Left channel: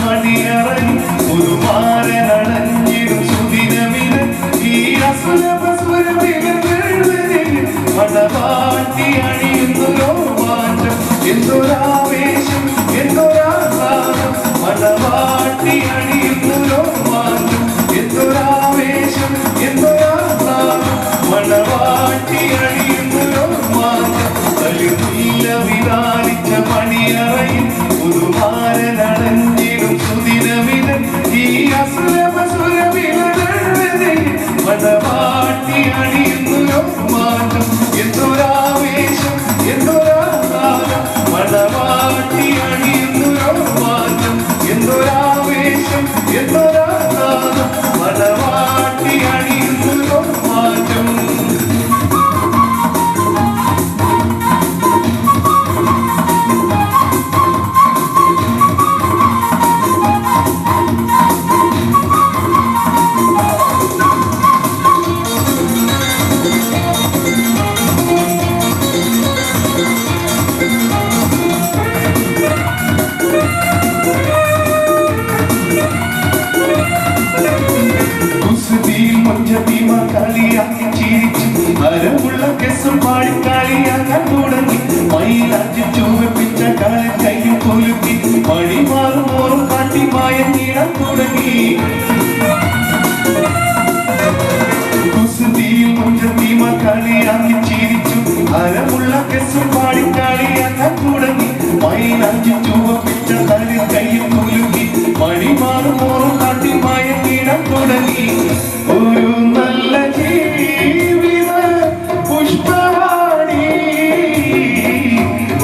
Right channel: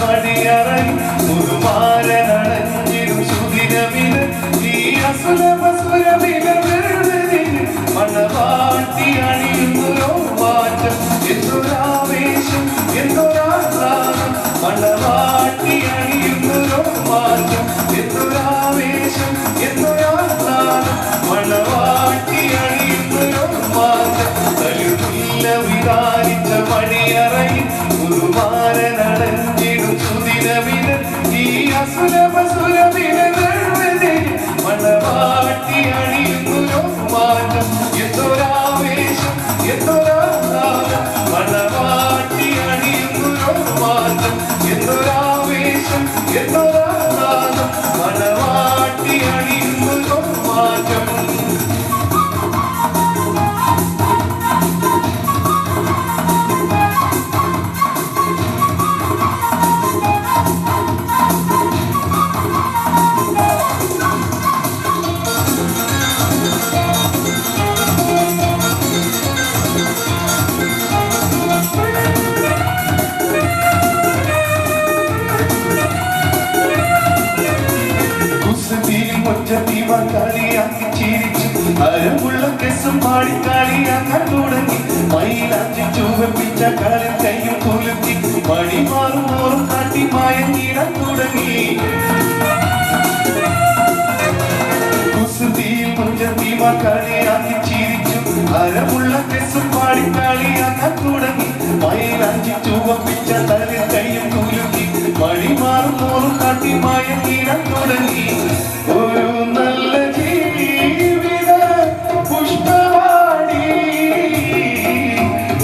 മണിയറൻ പുതുമാരനടഞ്ഞിടും സുദിനമിന് ഈ മണവാട്ടി അണിയുന്നൊരു മാറ്റം എന്തൊരാവേശം എന്തൊരാസാദം മണവാട്ടി അണിയുന്നൊരു മാറ്റം എന്തൊരാവേശം എന്തൊരാസാദം മണവാട്ടി അണിയുന്നൊരു മാറ്റം തളിർമുല്ല വിതാരിച്ച മണിയറയിൽ പുതുമാരനടഞ്ഞിടും സുദിനമിന് ഈ മണവാട്ടി അണിയുന്നൊരു മാറ്റം എന്തൊരാവേശം എന്തൊരാസാദം മണവാട്ടി അണിയുന്നൊരു മാറ്റം എന്തൊരാവേശം എന്തൊരാസാദം മണവാട്ടി അണിയുന്നൊരു മാറ്റം കളിയാക്കി ചിരിച്ചു അരമുള്ള കെസും പാടി കളിയാക്കാൻ തുടങ്ങി മയിലാറ്റി ചുവപ്പിച്ച കാലം കയ്യും കുലുക്കി മണിമാറും മോറും കാട്ടി മയങ്ങിടാൻ തുടങ്ങി കുസൃതിയിൽ മുഞ്ചത്തിമ കളിയാക്കി ചിരിച്ചു അരമുള്ള കെസും പാടി കളിയാക്കാൻ തുടങ്ങി മയിലാറ്റി ചുവപ്പിച്ച കാലം കയ്യും കുലുക്കി മണിമാറും മോറും കാട്ടി മയങ്ങിടാൻ തുടങ്ങി ഒരു നല്ല ജീവിത പുഷ്പവാടി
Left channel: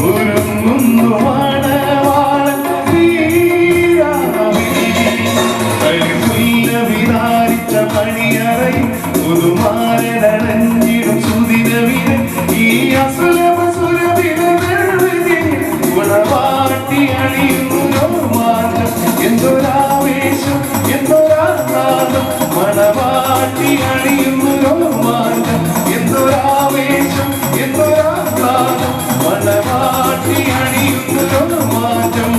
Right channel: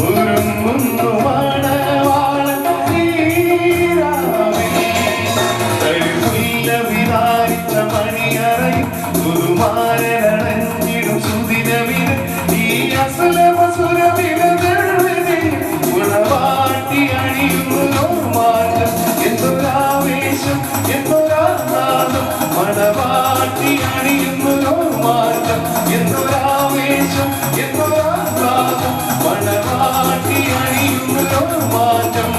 ഒരുങ്ങുന്നു മണവാളൻ കളിമുല്ല വിതാരിച്ച മണിയറയിൽ പുതുമാരനടഞ്ഞിടും സുദിനമിന് ഈ ഗുണവാട്ടി അണിയുന്നൊരു മാറ്റം എന്തൊരാവേശം എന്തൊരാസാദം മണവാട്ടി അണിയുന്നൊരു മാറ്റം എന്തൊരാവേശം എന്തൊരാസാദം മണവാട്ടി അണിയുന്നൊരു മാറ്റം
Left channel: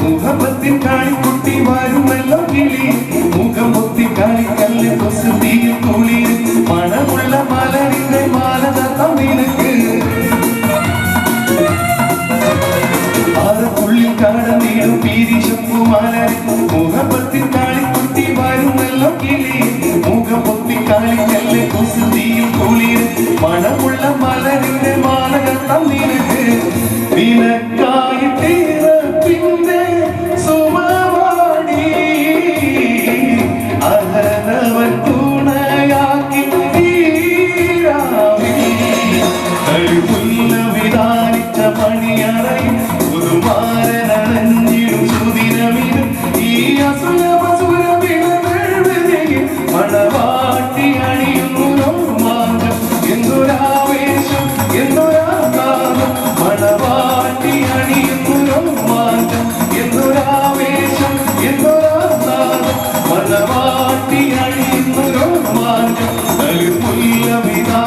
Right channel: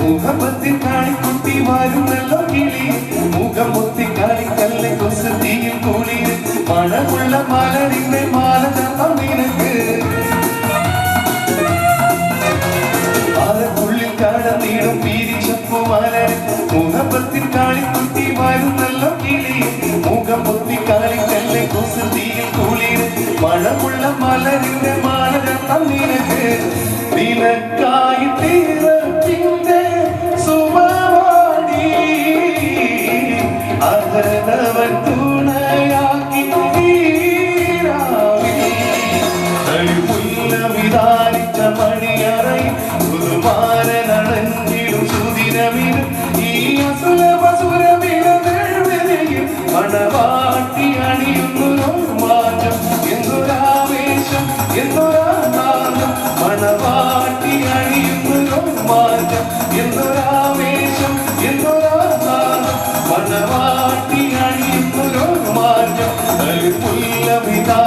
മുഖമത്തിൽ കാണിക്കുട്ടി വാരുമല്ലോ കിളി മുഖമൊത്തി കാണിക്കല്ല് കൊസുതിയിൽ കൂളി മണമുള്ള മലരിന്റെ മാല തത്തം നിനക്ക് ആറക്കുള്ളിൽ കടന്നിടും പീരിശപ്പുമാല മുഖമത്തിൽ കാണിക്കുട്ടി വാരുമല്ലോ കിളി മുഖമൊത്തി കാണിക്കല്ല് കൊസുതിയിൽ കൂളി മണമുള്ള മലരിന്റെ മാല തത്തം നിനക്ക് നിനക്കായിട്ടീറപ്പിന്റെ സുമവാടി അഹനവൻ തുണയാക്കി കളിമുല്ല വിതാരിച്ച മണിയറയിൽ പുതുമാരനടഞ്ഞിടും സുദിനമിന് ഈ മണവാട്ടി അണിയുന്നൊരു മാറ്റം എന്തൊരാവേശം എന്തൊരാസാദം മണവാട്ടി അണിയുന്നൊരു മാറ്റം എന്തൊരാവേശം എന്തൊരാസാദം മണവാട്ടി അണിയുന്നൊരു മാറ്റം കളിമുല്ല വിതാ